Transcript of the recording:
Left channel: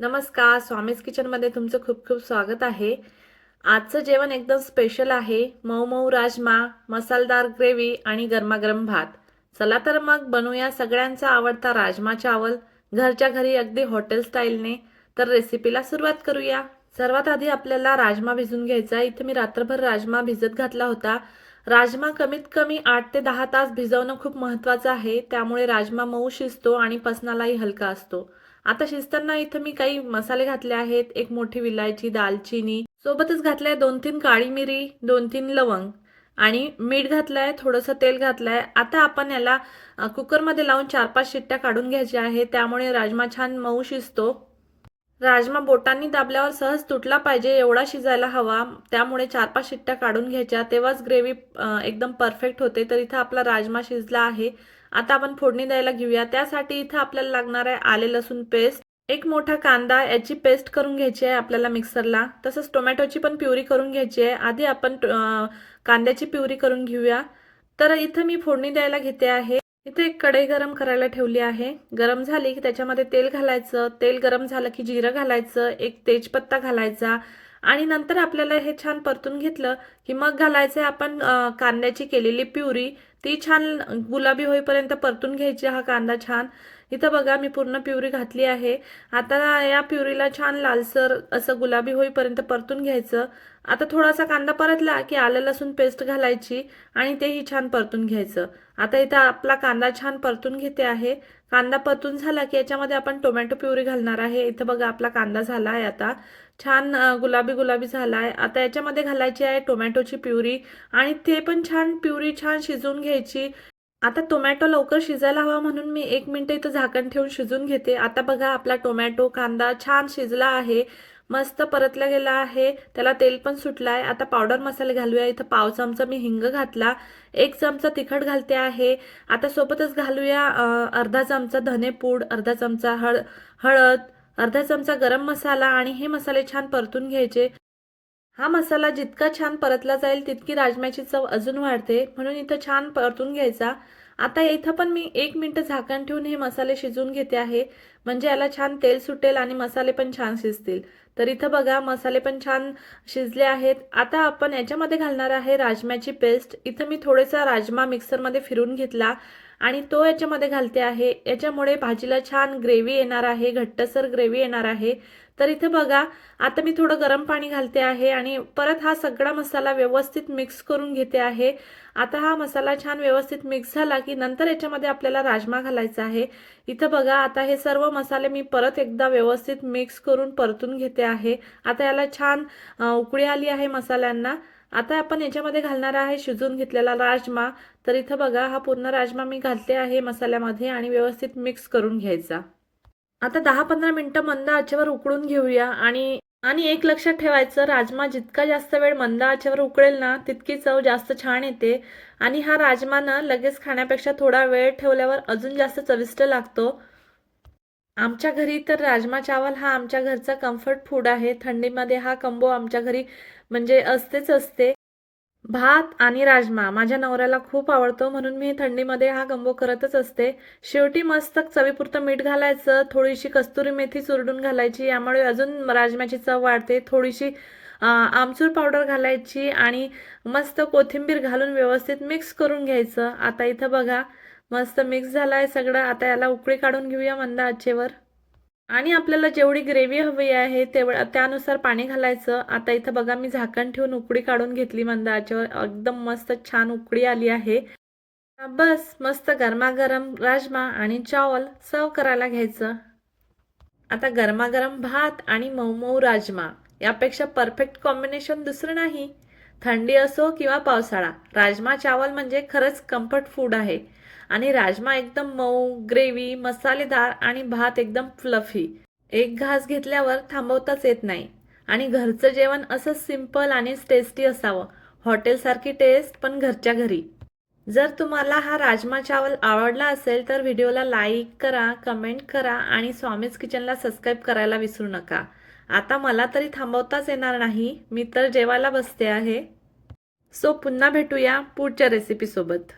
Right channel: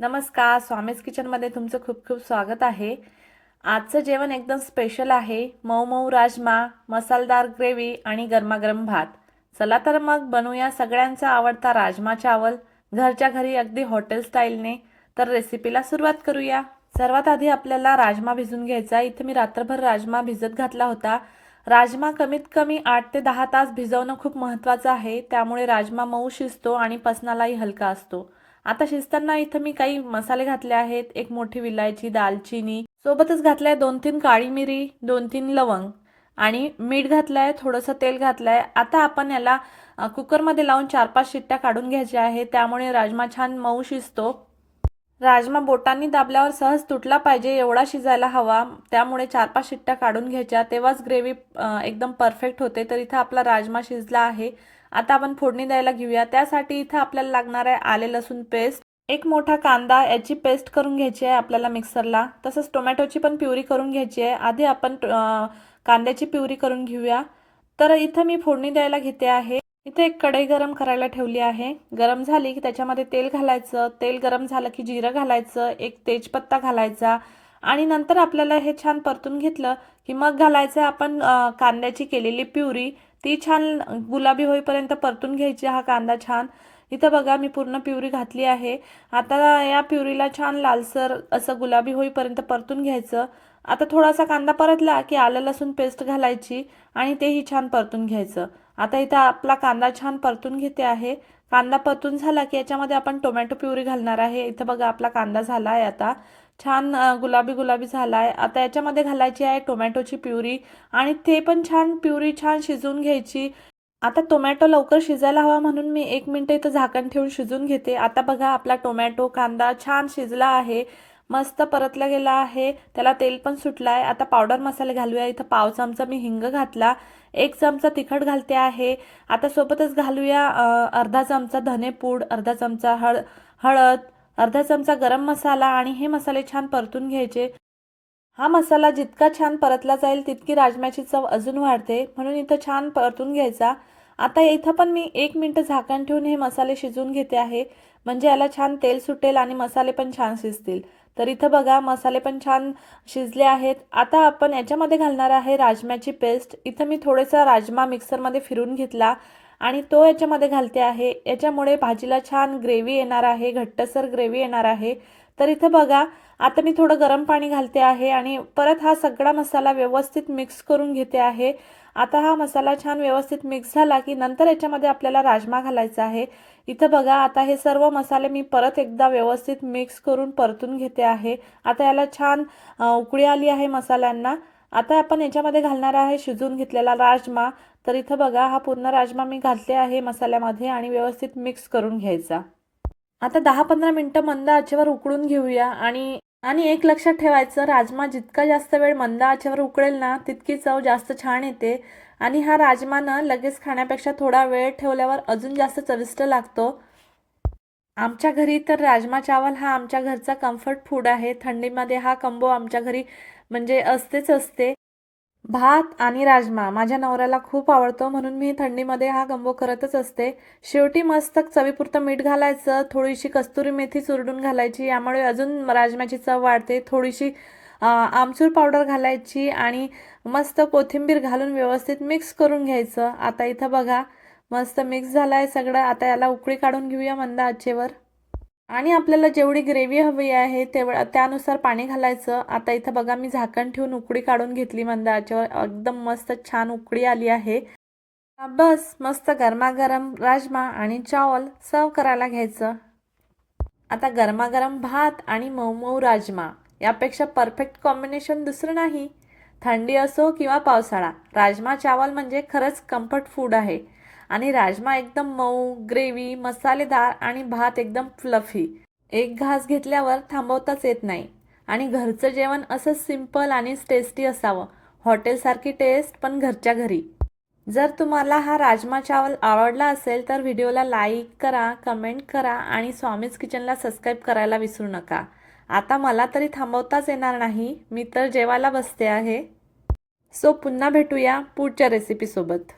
नमस्कार स्वामीज किचनमध्ये तुमचं खूप खूप स्वागत आहे. आजचं जेवण एकदम स्पेशल आहे. मऊ मऊ राजमा मसालदार ग्रेव्ही आणि गरमागरम भात. चला तर मग बनवूया सगळ्यांचा आवडता राजमा चावल. घरच्या घरी अगदी हॉटेल स्टाईलने तर रेसिपीला सुरुवात करूया. सर्वात आधी आपल्याला राजमा भिजून घ्यायचा. इथे मी रात्रभर राजमा भिजत घातला होता. राजमा कमीत कमी आठ ते दहा तास भिजवणं खूप महत्त्वाचं आहे. त्यामुळे राजमा मऊ शिजतो आणि पसनालाही हलका असतो. आता शिजताना इथं मी काही मसाले घातले आहेत. एक मोठी विलायची दालचिनी. सोबतच घातलाय दोन तीन काळी मिरी दोन तीन लवंग. आणि मीठ घातलंय थोडंसं तेल घातलंय. आता आपण याला कुकरमध्ये लावून चार पाच शिट्ट्या काढून घ्यायच्या आहे. त्यामुळे राजमा छान मऊ शिजतो. राजमा बोटांनी दाबल्यावर सहज तुटला पाहिजे एवढा शिजायला हवा. त्यामुळे चार पाच शिट्ट्या काढून घ्यायच्या. तेव्हाच ग्रेव्ही एकदम परफेक्ट होते. तर इथं आपला राजमा शिजला आहे. आता आपण फोडणी द्यायला घेऊया. त्यासाठी इथं आपल्याला लागणार आहे आले लसूण पेस्ट. एक मोठा कांदा याची पेस्ट करून घ्यायची आहे आपल्याला मिक्सरला. तसंच टोमॅटोची पण प्युरी करून घ्यायची आहे. आधी आपण कांद्याची प्युरी करून घेऊया. तर इथं मी फोडणी द्यायला घेते आहे. इथे एक कढई गरम करायला ठेवली आहे. गरम झाली की त्याच्यामध्ये तेल घालायचं. तेल गरम झालं की जिरं घालायचं. एक तेजपत्ता घालायचा. आणि नंतर आपल्याला हे छान परतून घेतलं की मग घालायचं आपण कांद्याची केलेली प्युरी. ती छान गुलाबी होईपर्यंत परतून घ्यायची हा कांदा छान. इथं बघा मी पूर्ण प्युरी घातली आहे. आता या प्युरीला छान लालसर असं गुलाबी होईपर्यंत परतून घ्यायचं. आता थोडासा कांदा परतला की आलं लसूण पेस्ट घालायची आणि तेही छान परतून घ्यायचं. आता इथं आपला कांदा छान परतून घेते आहे. कांदा परतून झाला की याच्यामध्ये आपण टोमॅटो प्युरी घालणार आहे. इथं बघा आपला कांदा झाला आहे आता. छान गुलाबी गुलाबी झाला आहे आता याच्यामध्ये घालायची आहे टोमॅटोची प्युरी आणि ते पण छान प्युरी छान शिजवून घ्यायची. आता टोमॅटो लवकर शिजायला हवा म्हणून मी एक मिनटं इथं झाकण ठेवून शिजून घेते. आता बघा आपला टोमॅटो कांदा छान शिजला आहे. मस्त परतला गेला आहे. त्याला तेल पण सुटलं आहे आता पावडर मसाले घालूया. इथं पाव चमचा मी हिंग घातला. एक चमचा तिखट घालते आहे. आता सोबतच घालूया अर्धा चमचा धनेपूड अर्धा चमचा हळ हळद अर्धा चमचा गरम मसाला आणि हे मसाले छान परतून घ्यायचे. हा मसाला जितका छान परतला जाईल तितकी राजम्याची चव अजून वाढते. म्हणून इथं छान परतून घ्यायचा. आता इथं पण मी एक मिनटं झाकण ठेवून हे मसाले शिजवून घेते आहे. म्हणजे याला छान तेल सुटेल आणि मसाले पण छान शिजतील. तर इथं बघा मसाले पण छान शिजले आहेत. आता आपण याच्यामध्ये घालणार आहे राजम्याची पेस्ट. इथं मी थोडेसा राजमा मिक्सरमध्ये फिरून घेतला. आणि तो याच्यामध्ये घालते आहे. याच्यामुळे भाजीला छान ग्रेव्ही येणार आहे घट्टसर ग्रेव्ही येणार आहे. तर इथं बघा आता मी थोडं गरम पाणी घालते आहे आणि परत हा सगळा मसाला व्यवस्थित मिक्स करून घेते आहे. आता हा मसाला छान व्यवस्थित मिक्स झाला की नंतर याच्यामध्ये आपल्याला राजमा घालायचा आहे. इथं बघा आता हे सर्व मसाले मी परत एकदा व्यवस्थित मिक्स करून परतून घेते आहे. आता याला छान उकळी आली आहे मसाल्यांना. आता आपण याच्यामध्ये घालणार आहे शिजून घेतलेला राजमा. तर इथं बघा हा पूर्ण राजमा मी घातले आहे मसाल्यामध्ये आणि व्यवस्थित मिक्स करून घ्यायचा. आता दहा पंधरा मिनटं मंद आचेवर उकळून घेऊया आणि आणि एक लक्षात ठेवायचं राजमा जितका जास्त वेळ मंद आचेवर उकळेल ना तितकी चव जास्त छान येते. आणि हा राजमा ना लगेच खाण्यापेक्षा थोडा वेळ ठेवल्यावर अजून जास्त चविष्ट लागतो. आमच्या घरी तर राजमा चावल हा आमच्या घरचा कम्फर्ट फूड आहे. थंडीमध्ये हा कंबो आमच्या घरी म्हणजे असतेच असते. भात आणि राजमा माझ्या नवऱ्याला खूप आवडतो म्हणून मी थंडीमध्ये हा गंबो करतच असते. शेवटी मस्त चवीपुरतं मीठ घालायचं थोडीशी कस्तुरी मेथी चुरडून घालायची यामुळे अजून राजम्याची चव वाढते. थोडीशी आमचूर पावडर घालायची आणि मस्त कोथिंबीर घालून व्यवस्थित मिक्स करून घ्यायचं. आता इथं बघा मस्त मिक्स झालाय आहे सगळं. आता याला उकळी काढून घेऊया मंद आचेवर. आणि आपल्याला जेवढी ग्रेव्ही हवी आहे तेवढं त्यानुसार पाणी घालायचं. आता इथं बघा मी झाकण ठेवून उकळी काढून घेतली मंदाच्यावर. एकदम मस्त छान उकडी आली आहे. बस मस्त गरमागरम राजमा आणि चावल सर्व करायला घ्यायचं. आता गरमागरम भात आणि मऊ मऊ राजमा यापेक्षा परफेक्ट कॉम्बिनेशन दुसरं नाही. थंडी असो किंवा पावसाळा राजमा चावल म्हणजे खरंच कम्फर्ट फूड आहे. आणि राजमा एकदम मऊ ग्रेव्ही मसालेदार आणि भात एकदम फ्लफी एक घास घेतल्यावर थांबवताच येत नाही. आणि घरचं जेवण असं सिंपल आणि टेस्टी असावं. हॉटेलसारखी टेस्ट पण घरच्या घरी. जर तुम्हाला हा राजमा चावल आवडला असेल तर व्हिडिओला लाईक करा कमेंट करा आणि स्वामीज किचनला सबस्क्राईब करायला विसरू नका. आता मला तरी थांबवताच येणार नाही. मी तर जेवायला बसते आहे. सो पुन्हा भेटूया पुढच्या रेसिपीसोबत